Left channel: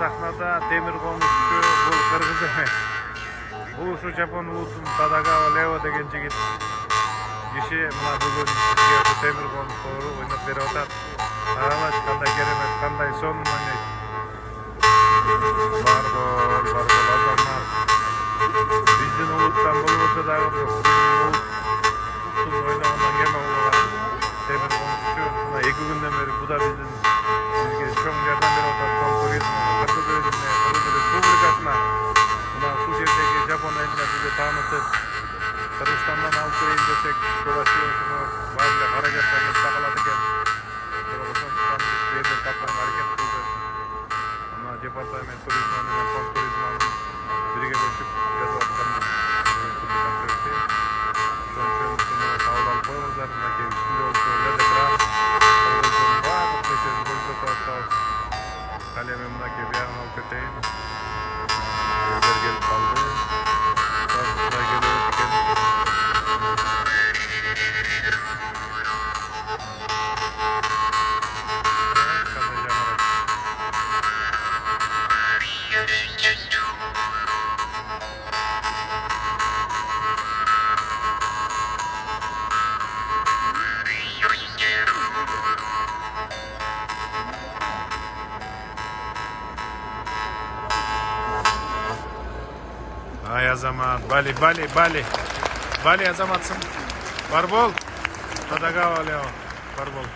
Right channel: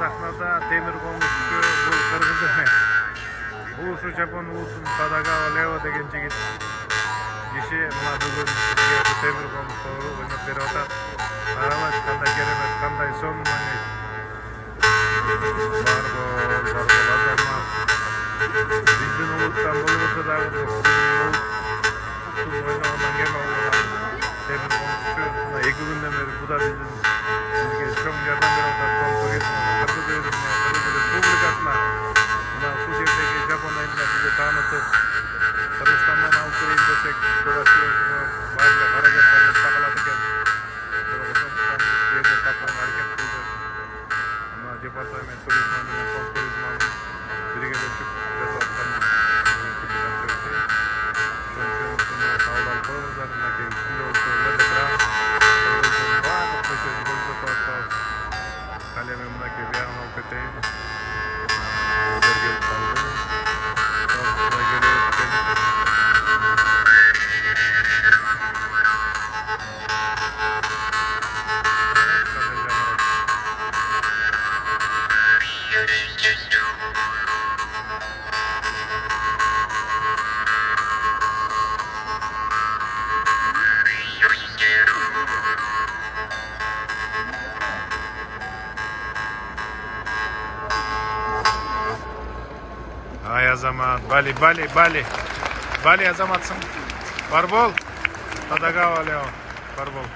сахнада темир комузчу бул кыргыз эмес. Бул ушу Жапон улусунун Тадагава Лео деген жигит киши мына бүгүн бизге ушу темир комуз тобу ойноп берип атат. Карабачы кандай керемет, кандай сонун ойнойт. Барбол Азамат. Биздин улуттан болбосо дагы улуттун ойногондон кем болгон темир комузчу. Мына 2 күндөн бери бу да бизге чоң жардам берип атат. Кыргыз элине, Кыргыз Республикасына мына ушул жердеги Жапон элине бизди таанытып, Кыргызстандан алып келейин десек, Чувашияга баардык аракет кылып такалат экен. Ошондуктан жерден тапканга аракет кылды. Мына департамент туризм менен фонд туризмин биргелешип жасап аткан концертти. Ошон үчүн кабыл алып коюңуздар. Мынакей үстүндө болсо экран, баардык нерсени көрсөтүп атабыз. Калеми мынакей биягына алып кетейин. Өздөр келип калды. Ай Азамат, Бали Азаматсың. Барбол, Тадагава Лео, Барбол.